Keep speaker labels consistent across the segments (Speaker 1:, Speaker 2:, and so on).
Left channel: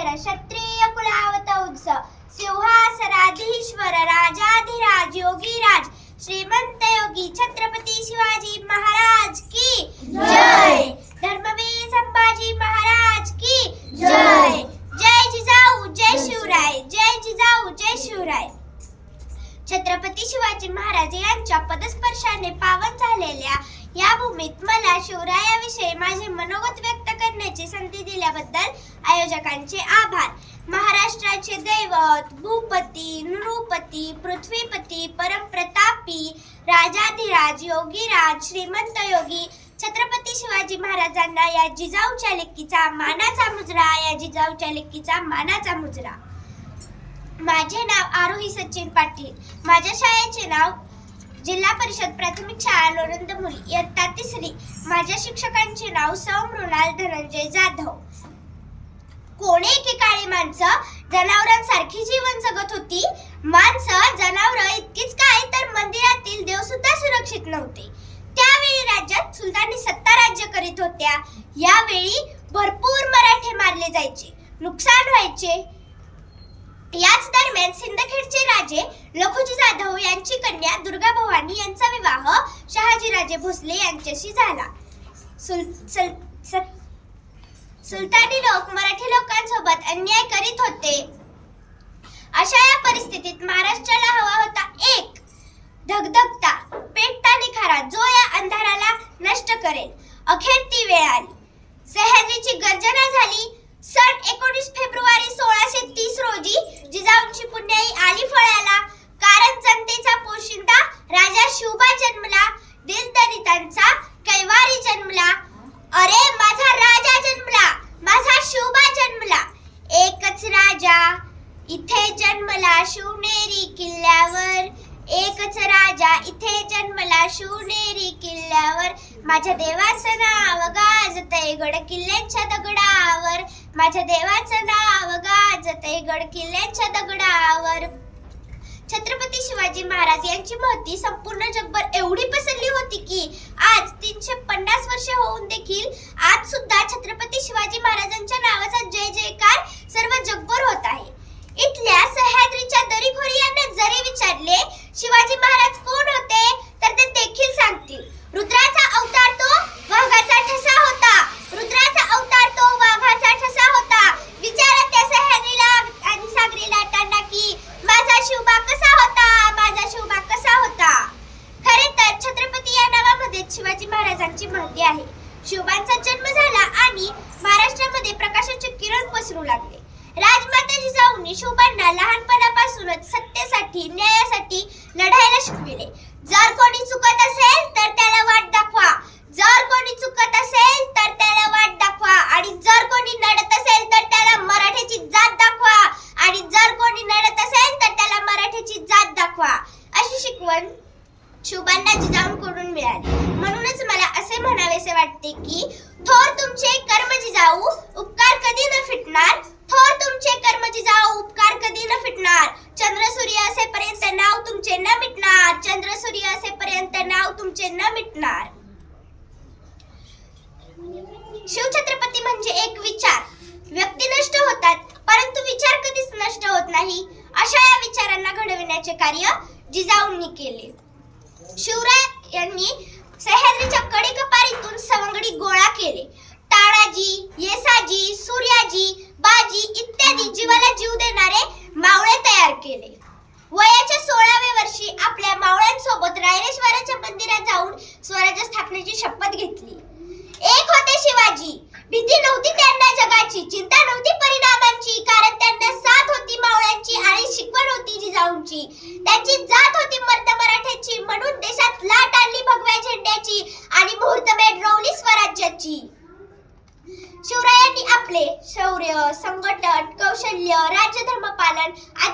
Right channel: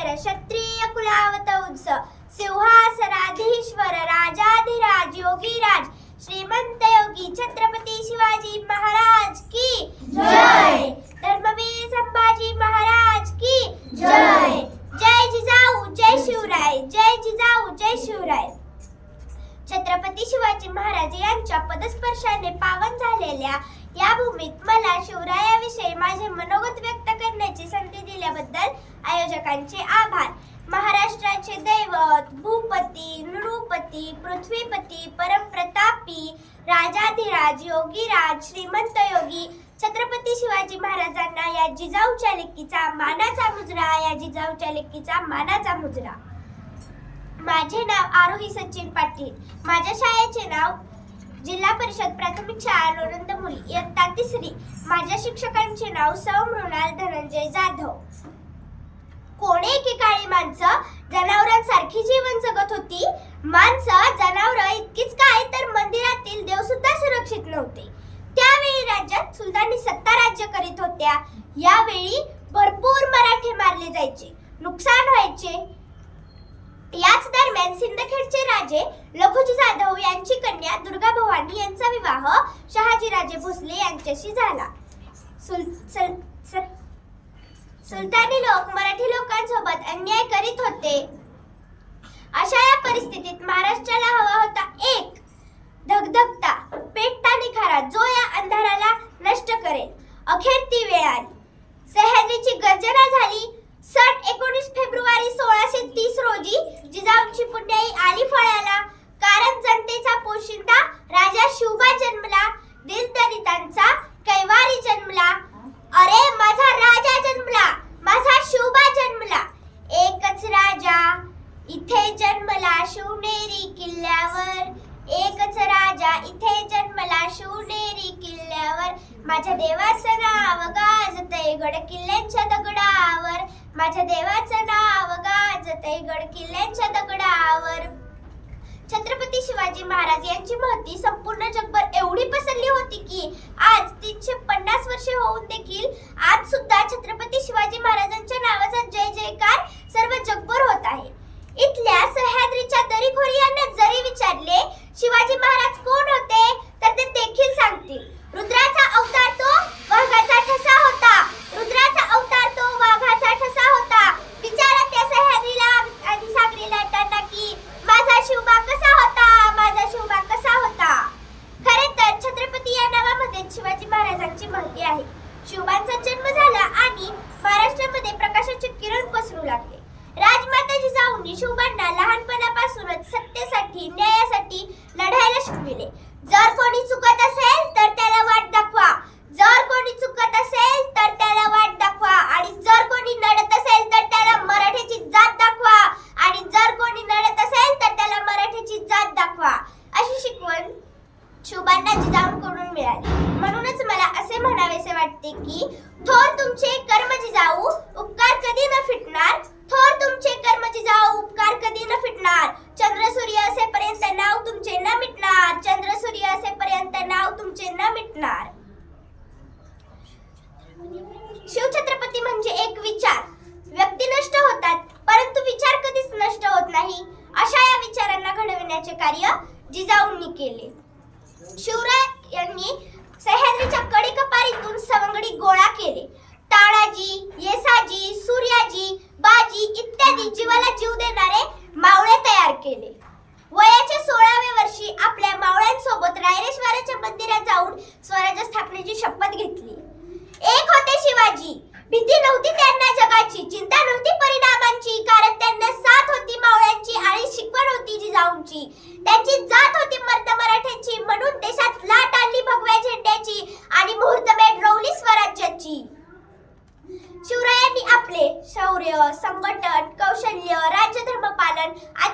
Speaker 1: सुंदर क्षत्रिय कुलावत उत्सव। सिंहासनाधीश्वर राजाधिराज योगीराज श्रीमंत योगी छत्रपती शिवाजी महाराज की जय। धर्मवीर संभाजी महाराज की जय। जय जिजाऊ जय शिवराय जय जिजाऊ जय शिवराय। छत्रपती शिवाजी महाराज यांच्या पदस्पर्शाने पावन झालेल्या या भूमीत मला शिवरायाविषयी माझे मनोगत व्यक्त करण्याची संधी दिल्याबद्दल आयोजकांचे आभार. महाराष्ट्राचे दैवत भूपती नृपती पृथ्वीपती परमप्रतापी राजाधिराज योगीराज श्रीमंत योगी छत्रपती शिवाजी महाराजांना या जिजाऊच्या लेकीचा मानाचा मुजरा या जिजाऊच्या लेकीचा मानाचा मुजरा. माझे नाव आरोही सचिन पाटील. माझ्या शाळेचे नाव जिल्हा परिषद प्राथमिक शाळा लोणंद मुली इयत्ता तिसरी. माझ्या शिक्षकांचे नाव सौ मृणाल धनंजय जाधव. माणसं जनावरांसारखी जीवन जगत होती. माणसं जनावर इतकीच काय तर मंदिरातील देव सुद्धा सुरक्षित नव्हते. त्यावेळी राज्यात सुलतानी सत्ता राज्य करीत होत्या. यावेळी भरपूर मराठे मारले जायचे नुकसान व्हायचे. याच दरम्यान सिंदखेडचे राजे लखुजी जाधव यांची कन्या दुर्गा भवानी यांचा विवाह शहाजीराजे भोसले यांच्याशी झाला. सुल, सुल, सुलतानी लोक मराठी लोकांसोबत अन्याय करीत होते. अशा या परिस्थितीत महाराष्ट्राला हवा होता एक धगधगता पेटता निखारा जो या अंधाराला नष्ट करेल. अखेर ती वेळ आली. सह्याद्रीची गर्जना झाली. सन एकोणीस फेब्रुवारी सोळाशे तीस रोजी जिजाऊंची पुण्याई आली फळाला. कारण जनते पोशिंदा राजा शिवबा जन्मला दिलदलितांचा कैवारी जन्मला अरे माझा राजा जन्मला माझा शिवबा जन्मला एकच राजा इथे जन्मला शिवनेरी किल्ल्यावर. एकच राजा इथे जन्मला शिवनेरी किल्ल्यावर. माझ्या देवाचं नाव गाजतय गड किल्ल्यांच्या दगडावर. माझ्या देवाचं नाव गाजतय गड किल्ल्यांच्या दगडावर. छत्रपती शिवाजी महाराज यांची महती संपूर्ण जगभर एवढी पसरली होती की आज तीनशे पन्नास वर्षे होऊन देखील आज सुद्धा छत्रपती शिवाजी महाराजांच्या नावाचा जय जय सर्व जगभर होत आहे इथल्या सह्याद्रीच्या दरीखोरी यांना जरी विचारले शिवाजी महाराज कोण होते तर ते देखील सांगतील रुद्राचा अवतार तो वाघाचा ठसा होता रुद्राचा अवतार तो वाघाचा ठसा होता विचारा त्या सह्याद्रीला आणि सागरी लाटांना की माझा शिवबा कसा होता माझा शिवबा कसा होता खरे तर छत्रपती या नावामध्ये शिवाजी महाराजांची महती आहे शिवबांचा जन्म झाला आणि महाराष्ट्रामध्ये प्रकाशाचे किरण पसरू लागले राजमाता शिवबांना लहानपणापासूनच सत्तेसाठी न्यायासाठी लढायला शिकविले. जर कोणी चुकत असेल तर त्याला वाट दाखवा. जर कोणी चुकत असेल तर त्याला वाट दाखवा आणि जर कोणी नडत असेल तर त्याला मराठीची जात दाखवा आणि जर कोणी नडत असेल तर त्याला मराठीची जात दाखवा अशी शिकवण शिवबांना जिजाऊंकडून मिळाली. म्हणूनच मला असे म्हणावेसे वाटते की थोर तुमचे कर्म जिजाऊ उपकार कधी न फिटणार? थोर तुमचे कर्म जिजाऊ उपकार कधी न फिटणार? चंद्र सूर्य असेपर्यंत नाव तुमचे न मिटणार. चंद्र सूर्य असेपर्यंत नाव तुमचे न मिटणार. शिवछत्रपती म्हणजे एक विचार. व्यक्ती नष्ट होतात परंतु विचार कधीच नष्ट होत नाही. अशा या विचारांना घडविण्याचे कार्य जिजाऊंनी केले. शिवराय यांनी सह्याद्रीच्या कडीकपारीतून सवंगडी गोळा केले. टाळाजी येसाजी सूर्याजी बाजी इत्यादी जीवाला जीव देणारे मावळे तयार केले. वयाच्या सोळाव्या वर्षी आपल्या मावळ्यांसोबत रायरेश्वराच्या मंदिरात जाऊन स्वराज्य स्थापनेची शपथ घेतली. एक होते शिवाजी.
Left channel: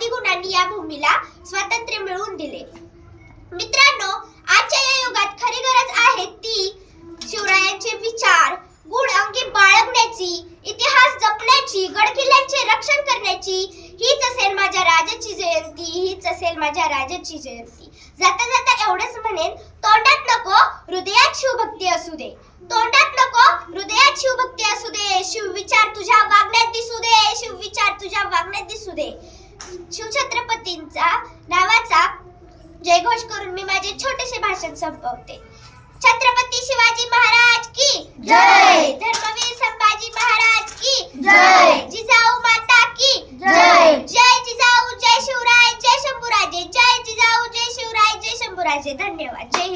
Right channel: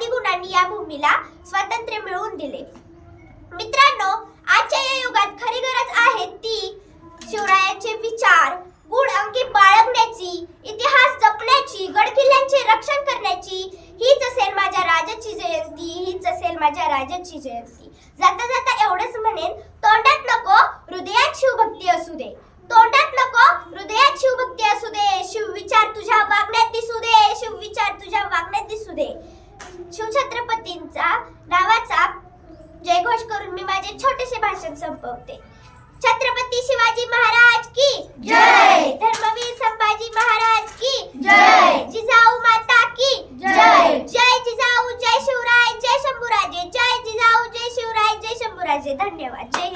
Speaker 1: पालन गुणांनी या भूमीला स्वातंत्र्य मिळवून दिले. मित्रांनो आजच्या या युगात खरी गरज आहे ती शिवरायांचे विचार गुण अंकी बाळगण्याची इतिहास जपण्याची गडकिल्ल्यांचे रक्षण करण्याची. हीच असेल माझ्या राजाची जयंती हीच असेल माझ्या राजाची जयंती. जाता जाता एवढंच म्हणेन तोंडात नको हृदयात शिवभक्ती असू दे. तोंडात नको हृदयात शिवभक्ती असू दे. शिवविचार तुझ्या वागण्यात दिसू दे. शिवविचार दे. शिवछत्रपतींचा नावाचा जयघोष करून मी माझे छोटेसे भाषण संपवते छत्रपती शिवाजी महाराज की
Speaker 2: जय.
Speaker 1: धर्मवीर संभाजी महाराज